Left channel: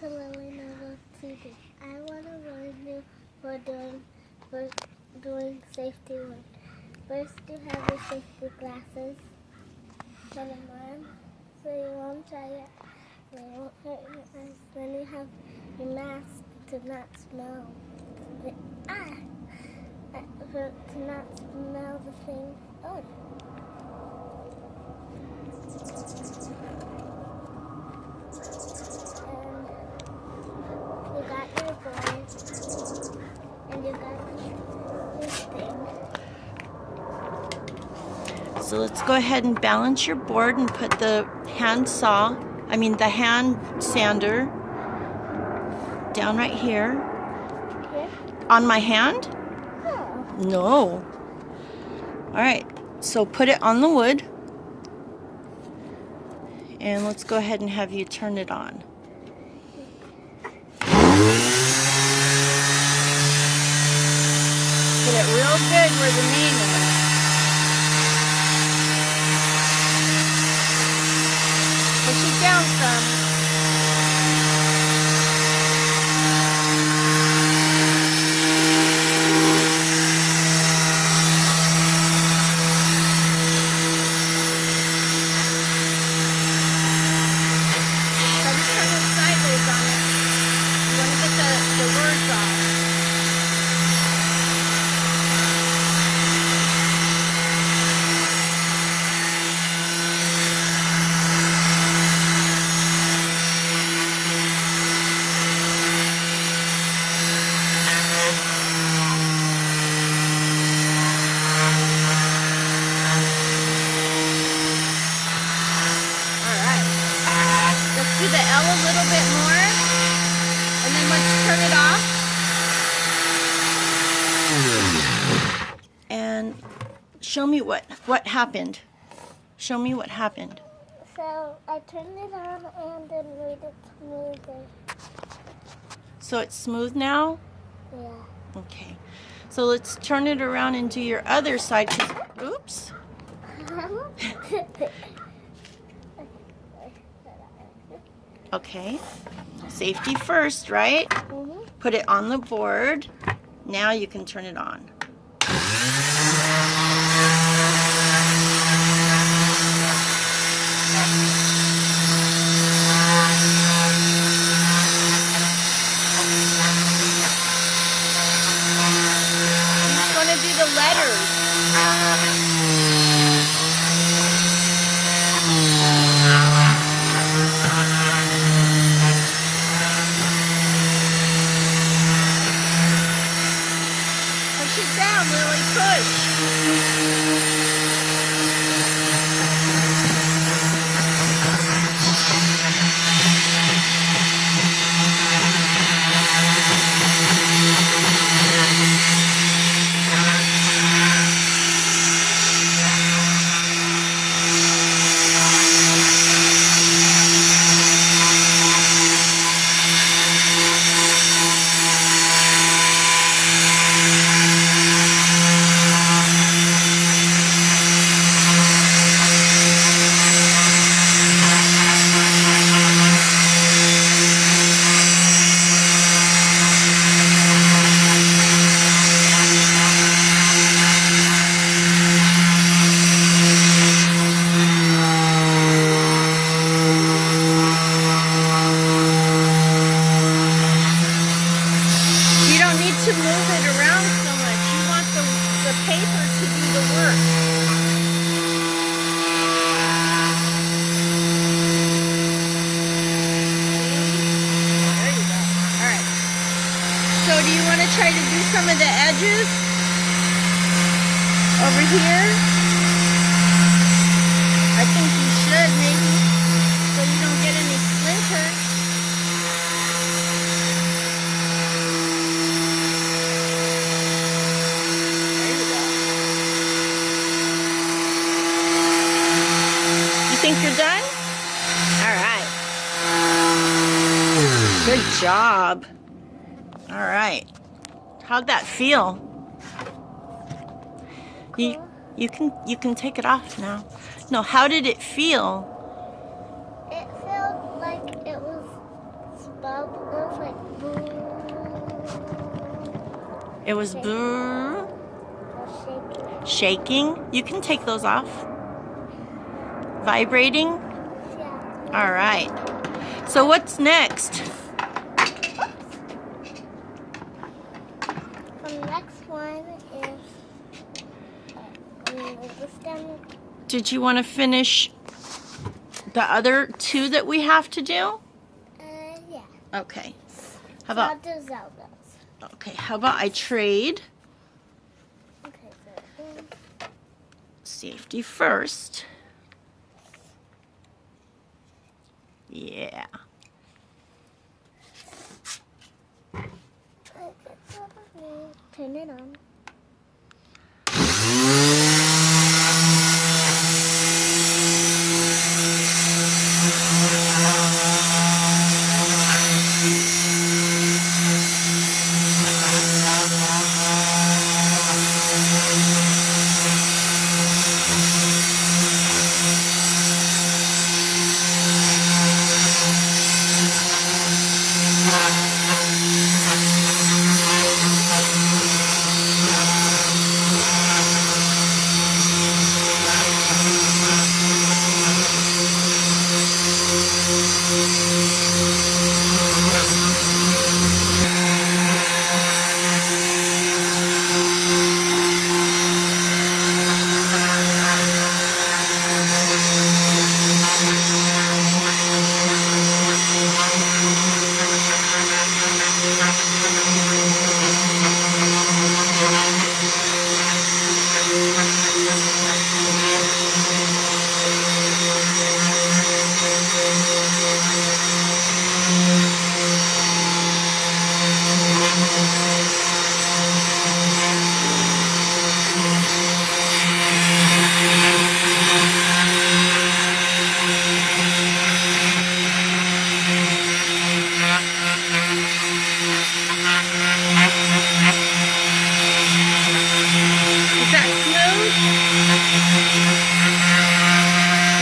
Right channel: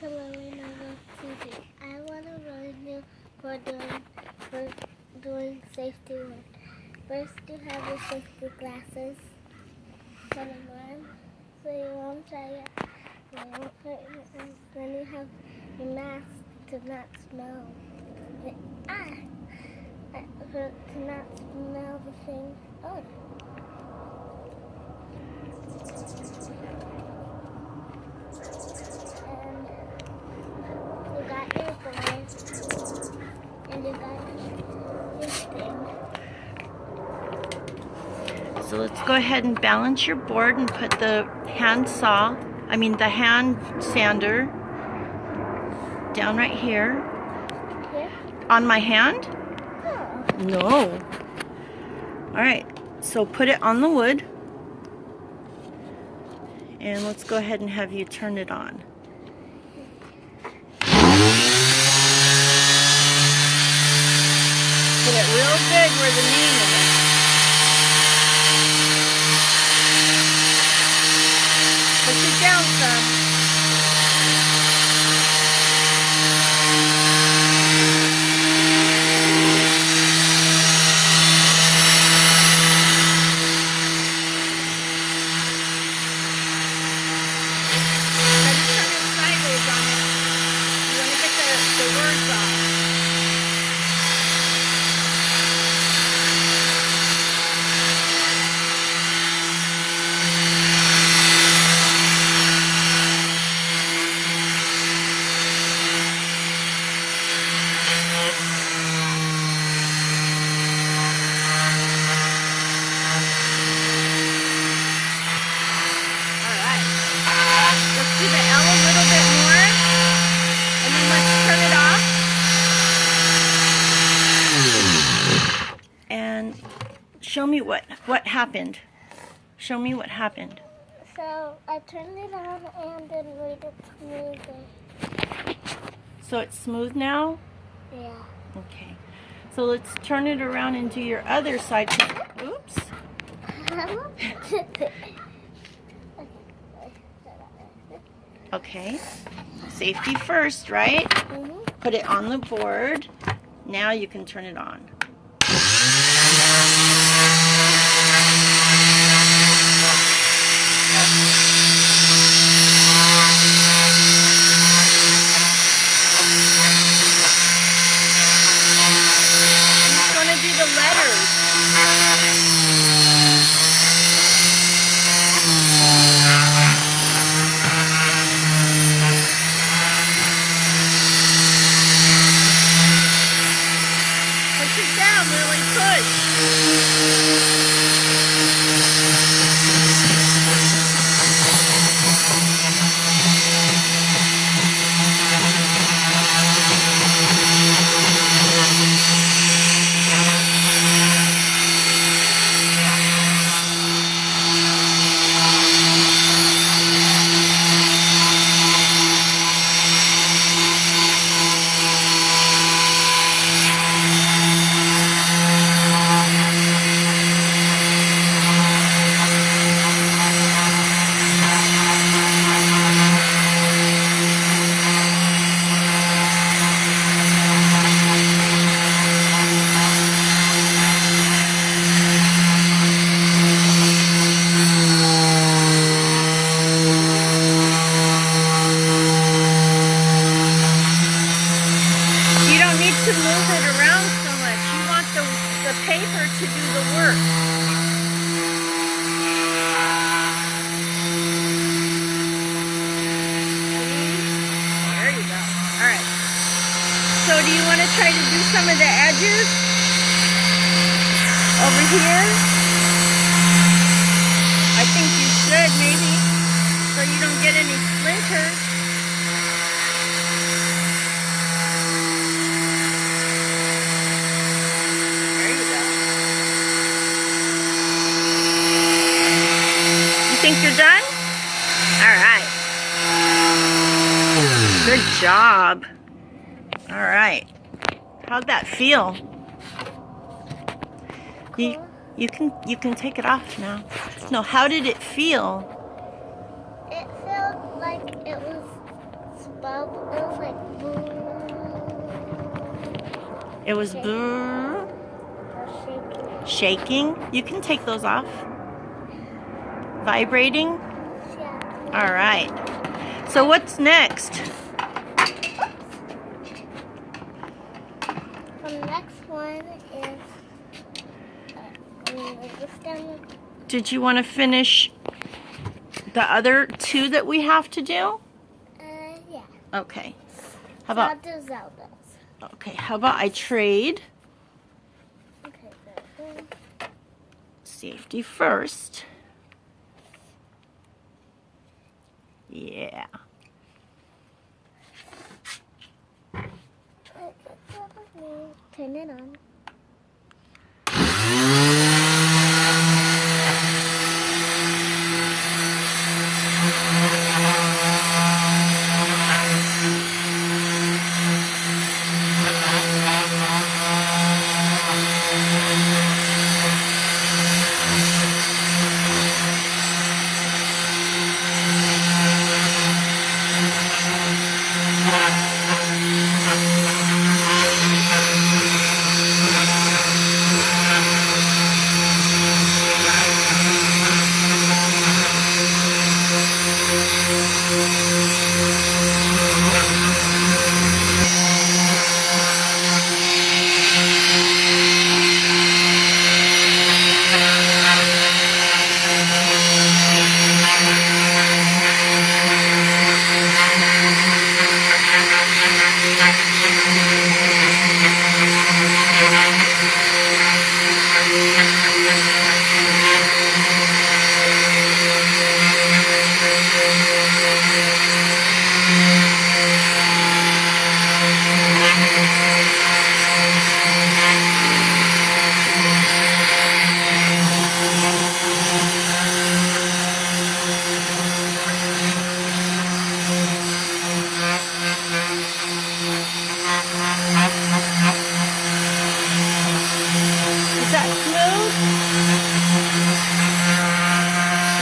to LilynovaTv. I want to warn you for doing safety work. First, you have your safety glasses. Put them on so you won't try it. They won't hurt your eyes. Then you have your mask to not smell. To not smell the thing. Oh. And you got your board. And you got your thing. So let's go ahead and balance your board and put the hand sander down right here. Here? On my hand? No. No. All right, so put it on the wood. And let's go ahead and have you turn it on. Put it real big where the name is. Push it down some. Try to turn it sideways on it. You want to get the words off. Let's do the L a little bit more, and then let's turn it off. And show me what happened. Show me what happened. So I turned it on and then made it smoother. So it's smooth now? Yeah. Okay. So let's turn it around and do your other side. Oops. Okay. Safety first, right? Mm-hmm. Put it on the board. Now you can turn it on. Who's going to do the letters? Push it down, Lily, push. To move it around so much. You want the paper to do the work. See? There you go. Alright. So do you want to try to do some of the edges over here? I think you should maybe, so you don't get any splinters. Think you're done? All right. Good job. All right. How'd that feel? Cool. You can take it off now. No, how did it feel? It felt like it was bubble. It was like boo. It was Shaking. brrr, It was shaking. shaking. You can take those off. Vibrating. Yeah. All right. So what's next? The next one is this down. Did you want to finish the other two that we have to do? Yeah. Okay. How about, I'll do Zelda's. okay, how about I trade Okay, so safety first? Yeah. turn it on. Is that smooth?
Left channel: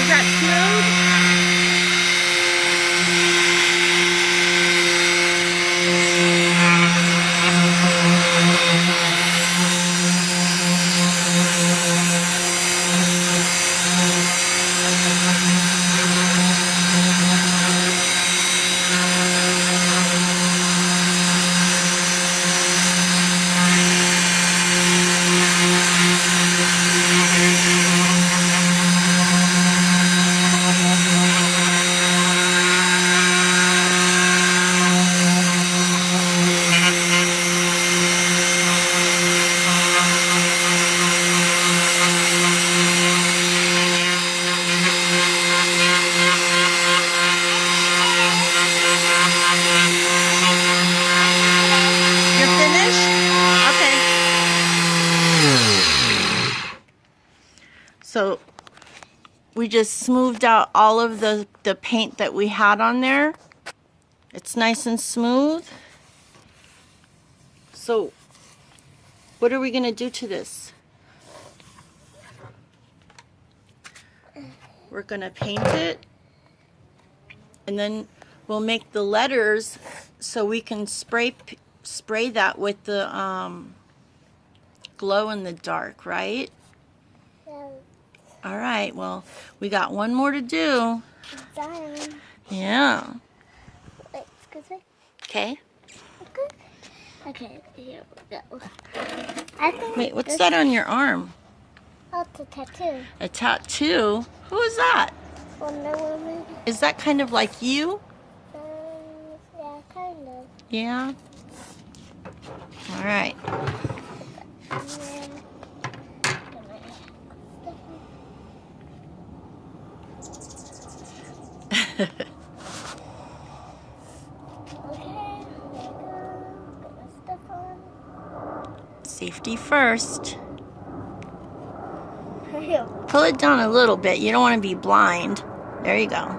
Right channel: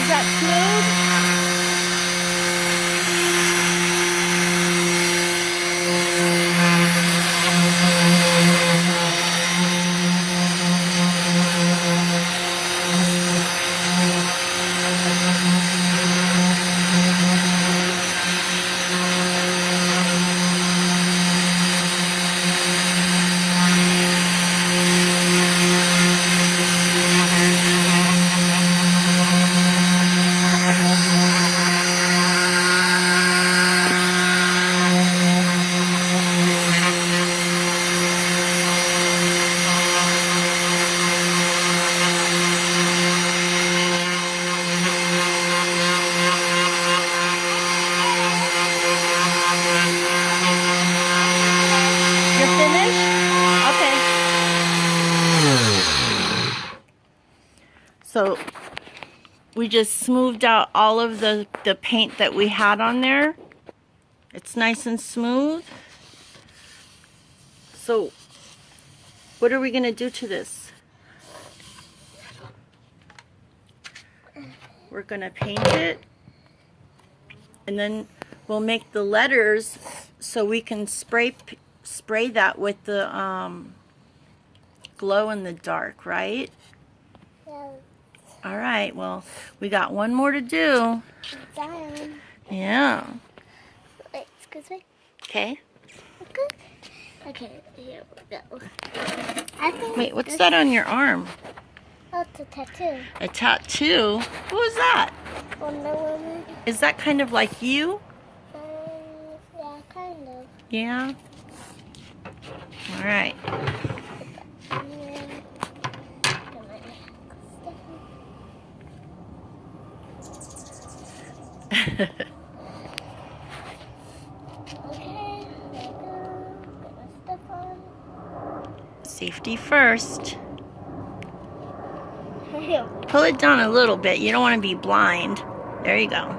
Is that smooth? You're finished? Okay. So we just smoothed out all of the paint that we had on there. It's nice and smooth. So what are we going to do to this? We're going to paint it. And then we'll make the letters so we can spray that with the glow in the dark, right? Yeah, All right, well, we got one more to do. it's done. Yeah. Wait, excuse me. Okay. Okay, here we go. I think Wait, what's that on your arm? Oh, it's a tattoo. A tattoo? Who is that? Wonder Woman. Is that kind of like you? Yeah, kind of. Yeah. All right. And then put my stuff in. Okay, there we go. Put my stuff on. Safety first. Pull it down a little bit. You don't want to be blind. There you go.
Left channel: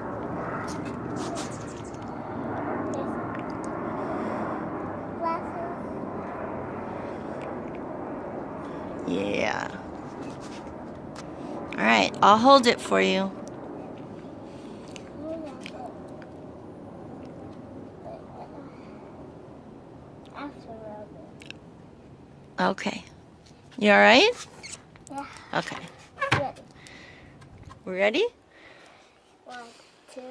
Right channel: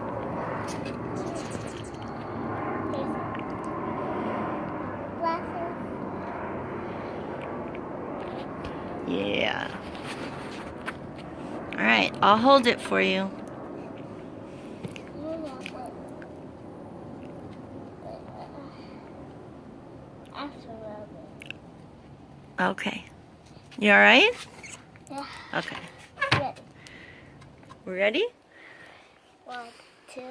Glasses. Yeah. All right, I'll hold it for you. after rubbing. Okay. You all right? Yeah. Okay. Ready. We're ready? 1, 2, 3.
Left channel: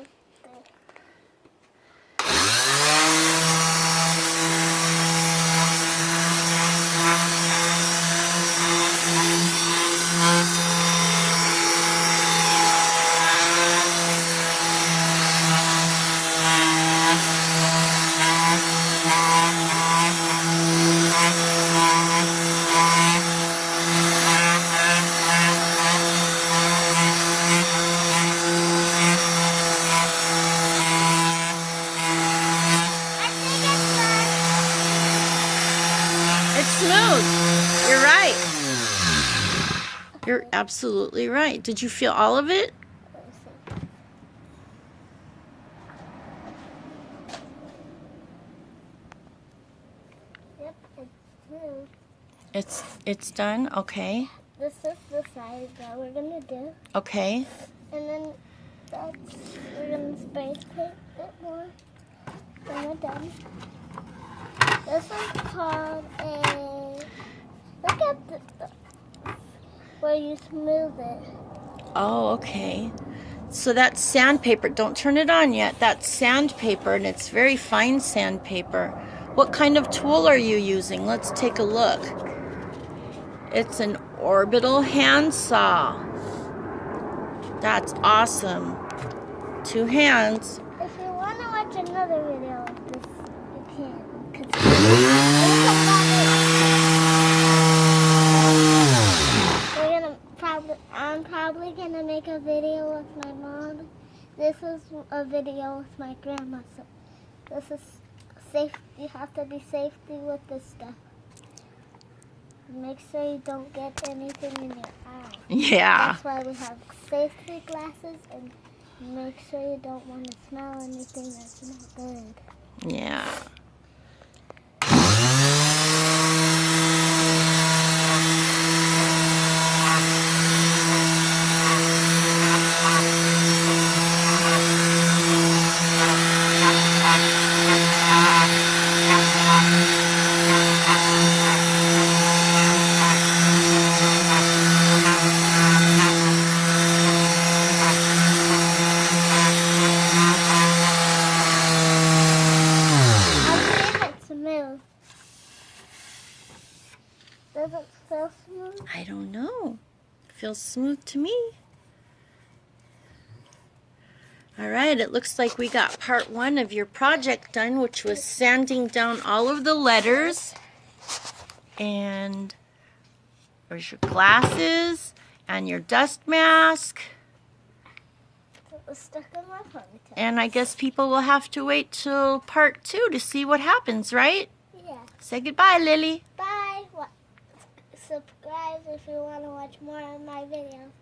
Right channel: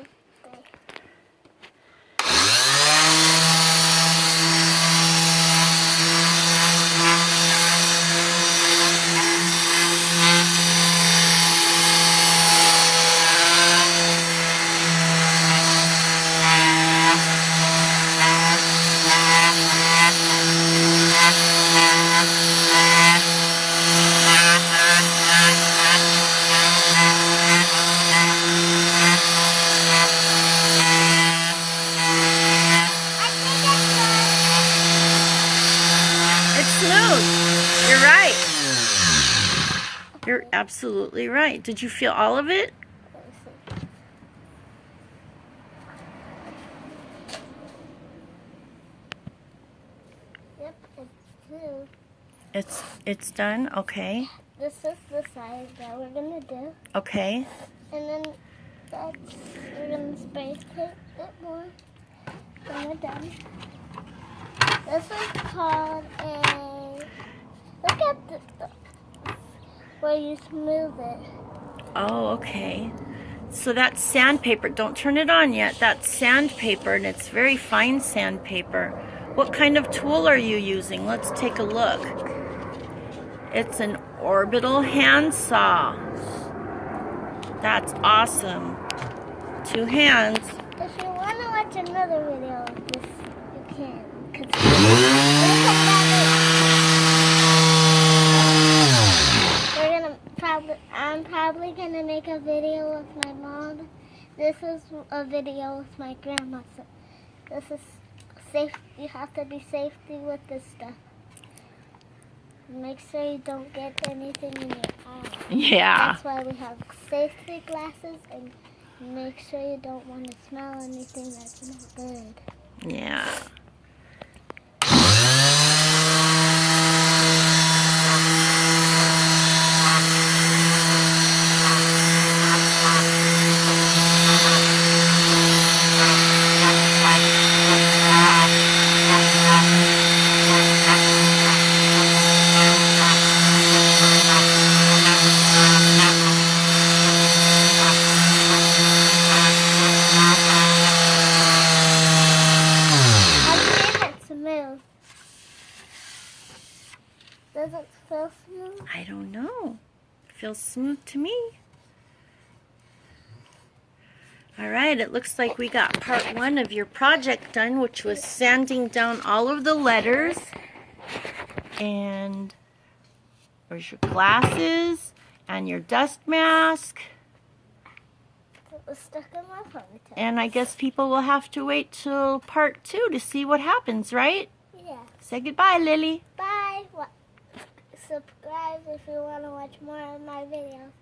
It's smooth. You're right. You're absolutely right. Did you feel all of it? Let me see. Yep, it's smooth. It's done. Okay. This is the side that we're gonna do, Okay. and then we're gonna spray paint it more when we're done. This is called a. Look at where you smooth it. Oh, okay. So that's sandpaper. Don't turn it on yet. That's sandpaper, and it's very fine sandpaper. What kind of tool are you using? Let's take a look. It's an orbital handsaw. That's awesome. 2 hands. If you want to watch another video of this, you can. I'm probably gonna make a video with my mom. This is a video with my grandma. So this is safe. You have to be safety with this stuff. Make sure you don't get anything in your eye. Yeah. That's why we have safety glasses, and make sure you don't want to smell anything that's not good. Yeah. Smooth. Does it feel smooth? I don't know. Feels smooth to me. All right, it looks like we got part 1 of your project done, which was sanding down all of the letters. And there's your glasses and your dust mask. It was stuck in my ponytail. And I guess people will have to wait till part 2 to see what happens, right? Yeah. Say goodbye, Lily. Bye. Subscribe if you want to watch more of my videos.